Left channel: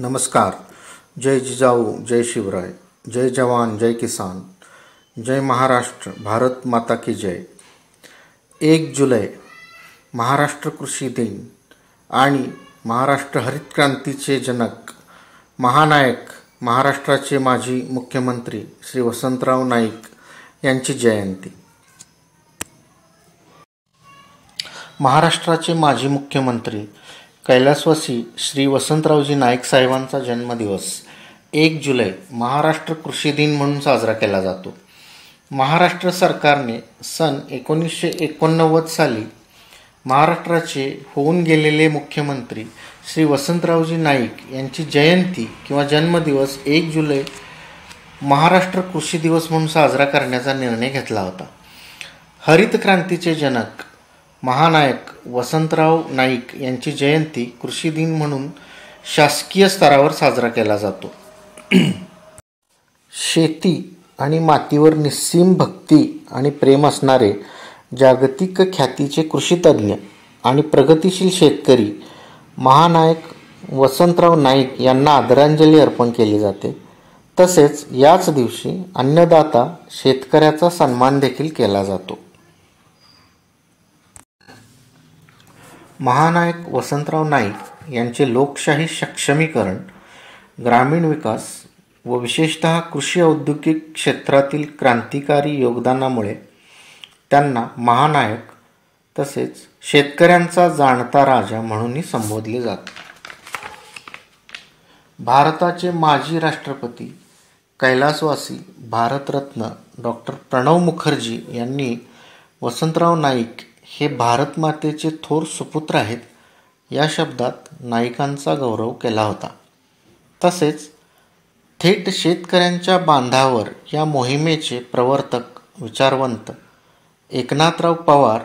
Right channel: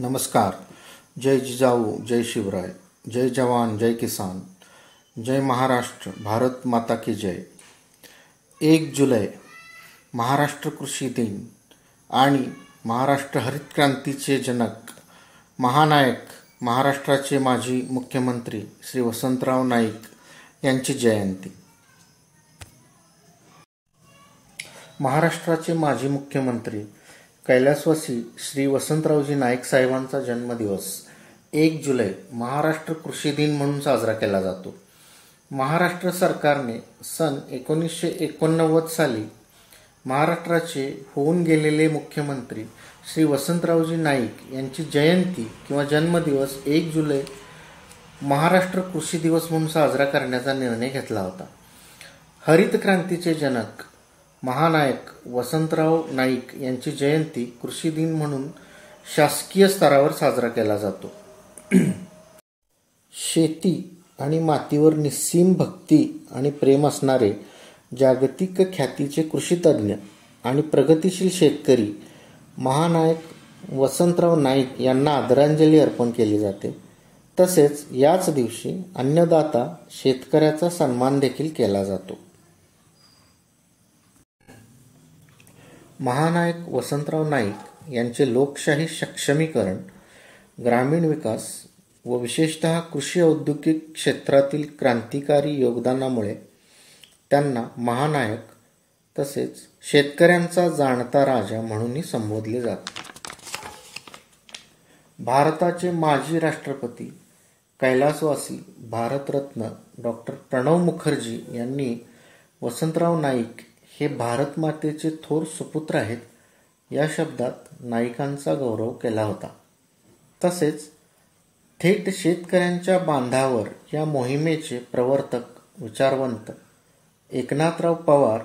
नमस्कार. जय जिजाऊ, जय शिवराय, जय जवान, जय किसान, जय महाराष्ट्र, भारत माता की जय. 1 जुलै महाराष्ट्र कृषी दिन आणि महाराष्ट्र हरित क्रांतीचे जनक, महानायक, महाराष्ट्राचे माजी मुख्यमंत्री श्री वसंतराव नाईक यांची जयंती. महाराष्ट्राचे माजी मुख्यमंत्री कैलासवासी श्री वसंतरावजी नाईक साहेबांचा जन्मदिवस 1 जुलै महाराष्ट्र कृषी दिन म्हणून साजरा केला जातो. महाराष्ट्र सरकारने सन 1989 साली महाराष्ट्राचे होऊन गेलेले मुख्यमंत्री श्री वसंतरावजी नाईक यांची जयंती किंवा जन्मदिवस 1 जुलै महाराष्ट्र कृषी दिवस म्हणून साजरा करण्याचा निर्णय घेतला होता. हरित क्रांतीचे जनक, महानायक वसंतराव नाईक यांची जयंती कृषी दिन म्हणून शासकीय स्तरावर साजरा केला जातो. शेती आणि मातीवर निस्सीम भक्ती आणि प्रेम असणारे जागतिक ख्यातीचे कृषीतज्ञ आणि प्रगतिशील शेतकरी महानायक वसंतराव नाईक यांना आदरांजली अर्पण केली जाते. तसेच याच दिवशी अन्नदाता शेतकऱ्याचा सन्मान देखील केला जातो. महानायक वसंतराव नाईक यांचे लोकशाही सक्षमीकरण, ग्रामीण विकास व विशेषतः कृषी औद्योगिक क्षेत्रातील क्रांतिकारी योगदानामुळे त्यांना महानायक तसेच शेतकऱ्यांचा जाणता राजा म्हणूनही संबोधले जाते. भारताचे माजी राष्ट्रपती कैलासवासी भारतरत्न डॉक्टर प्रणव मुखर्जी यांनी वसंतराव नाईक हे भारत मातेचे थोर सुपुत्र आहेत या शब्दात नाईकांचा गौरव केला होता. तसेच थेट शेतकऱ्यांच्या बांधावर या मोहिमेचे प्रवर्तक विचारवंत एकनाथराव पवार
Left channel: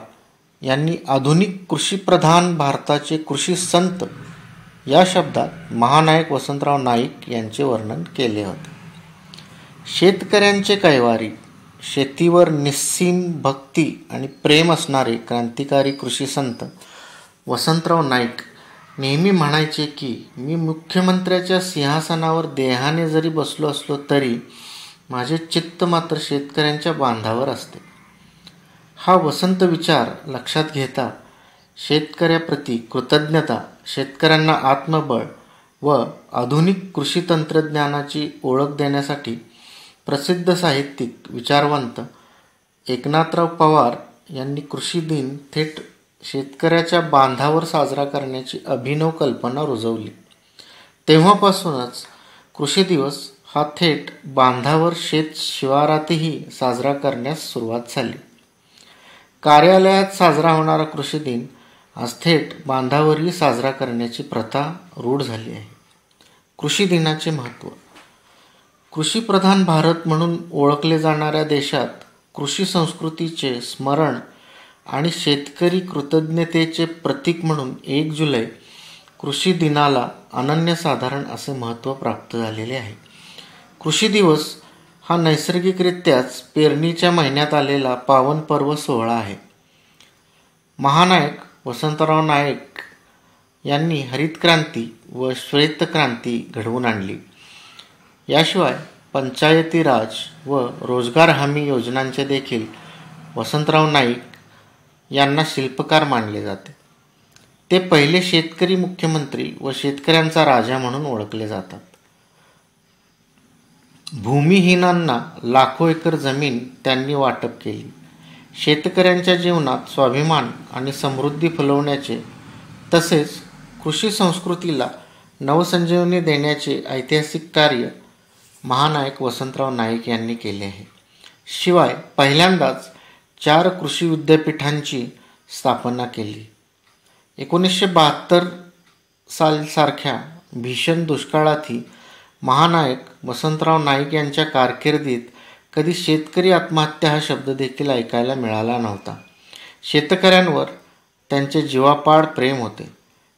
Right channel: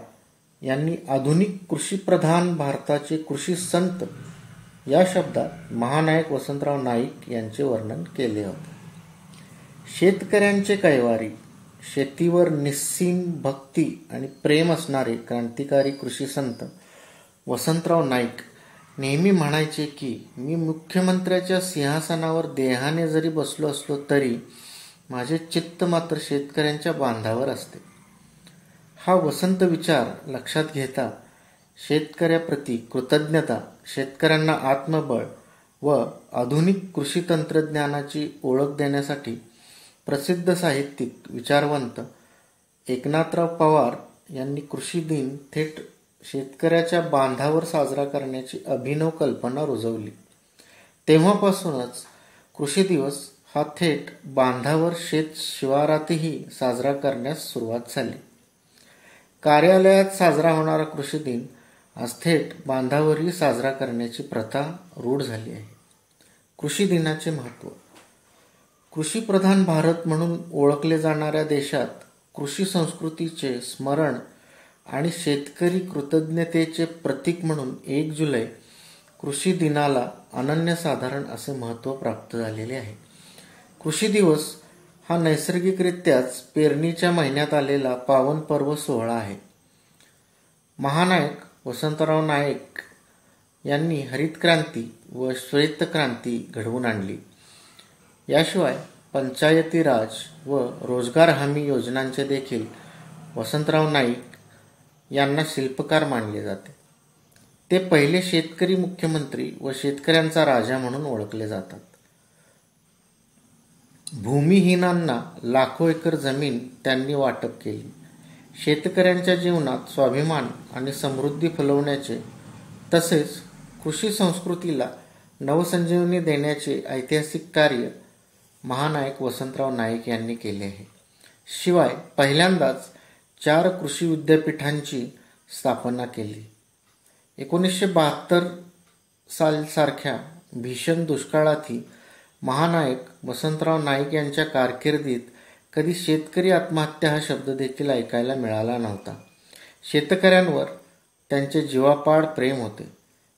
यांनी आधुनिक कृषीप्रधान भारताचे कृषी संत या शब्दात महानायक वसंतराव नाईक यांचे वर्णन केले होते. शेतकऱ्यांचे कैवारी, शेतीवर निस्सीम भक्ती आणि प्रेम असणारे क्रांतिकारी कृषी संत वसंतराव नाईक नेहमी म्हणायचे की मी मुख्यमंत्र्याच्या सिंहासनावर देहाने जरी बसलो असलो तरी माझे चित्त मात्र शेतकऱ्यांच्या बांधावर असते. हा वसंत विचार लक्षात घेता शेतकऱ्याप्रती कृतज्ञता, शेतकऱ्यांना आत्मबळ व आधुनिक कृषी तंत्रज्ञानाची ओळख देण्यासाठी प्रसिद्ध साहित्यिक विचारवंत एकनाथराव पवार यांनी कृषी दिन थेट शेतकऱ्याच्या बांधावर साजरा करण्याची अभिनव कल्पना रुजवली. तेव्हापासूनच कृषी दिवस हा थेट बांधावर शेत शिवारातही साजरा करण्यास सुरुवात झाली. कार्यालयात साजरा होणारा कृषी दिन आज थेट बांधावरही साजरा करण्याची प्रथा रूढ झाली आहे. कृषी दिनाचे महत्त्व. कृषीप्रधान भारत म्हणून ओळखले जाणाऱ्या देशात कृषी संस्कृतीचे स्मरण आणि शेतकरी कृतज्ञतेचे प्रतीक म्हणून 1 जुलै कृषी दिनाला अनन्यसाधारण असे महत्त्व प्राप्त झालेले आहे. कृषी दिवस हा नैसर्गिकरित्याच पेरणीच्या महिन्यात आलेला पावन पर्व सोहळा आहे. महानायक वसंतराव नाईक यांनी हरित क्रांती व श्वेत क्रांती घडवून आणली. याशिवाय पंचायती राज व रोजगार हमी योजनांचे देखील वसंतराव नाईक यांना शिल्पकार मानले जाते. ते पहिले शेतकरी मुख्यमंत्री व शेतकऱ्यांचा राजा म्हणून ओळखले जातात. भूमिहीनांना लाखो एकर जमीन त्यांनी वाटप केली. शेतकऱ्यांच्या जीवनात स्वाभिमान आणि समृद्धी फुलवण्याचे तसेच कृषी संस्कृतीला नवसंजीवनी देण्याचे ऐतिहासिक कार्य महानायक वसंतराव नाईक यांनी केले आहे. शिवाय पहिल्यांदाच 4 कृषी विद्यापीठांची स्थापना केली. 1972 सारख्या भीषण दुष्काळातही महानायक वसंतराव नाईक यांच्या कारकिर्दीत कधी शेतकरी आत्महत्या हा शब्द देखील ऐकायला मिळाला नव्हता. शेतकऱ्यांवर त्यांचे जीवापाड प्रेम होते.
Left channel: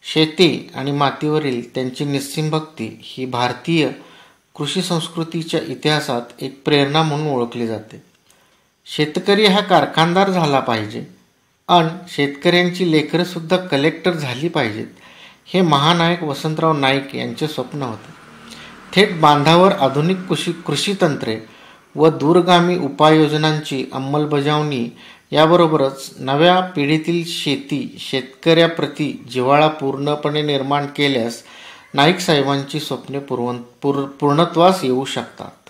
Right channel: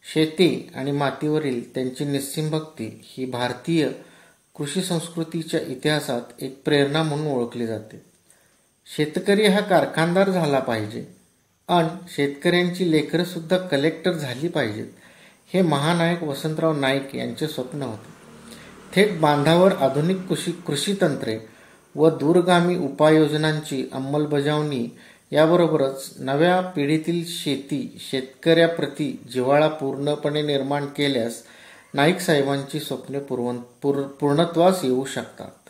शेती आणि मातीवरील त्यांची निस्सीम भक्ती ही भारतीय कृषी संस्कृतीच्या इतिहासात एक प्रेरणा म्हणून ओळखली जाते. शेतकरी हा कारखानदार झाला पाहिजे आणि शेतकऱ्यांची लेकरंसुद्धा कलेक्टर झाली पाहिजेत हे महानायक वसंतराव नाईक यांचे स्वप्न होते. थेट बांधावर आधुनिक कृषी तंत्रे व दूरगामी उपाययोजनांची अंमलबजावणी याबरोबरच नव्या पिढीतील शेतकऱ्याप्रती जिव्हाळा पूर्णपणे निर्माण केल्यास नाईक साहेबांची स्वप्ने पूर्णत्वास येऊ शकतात.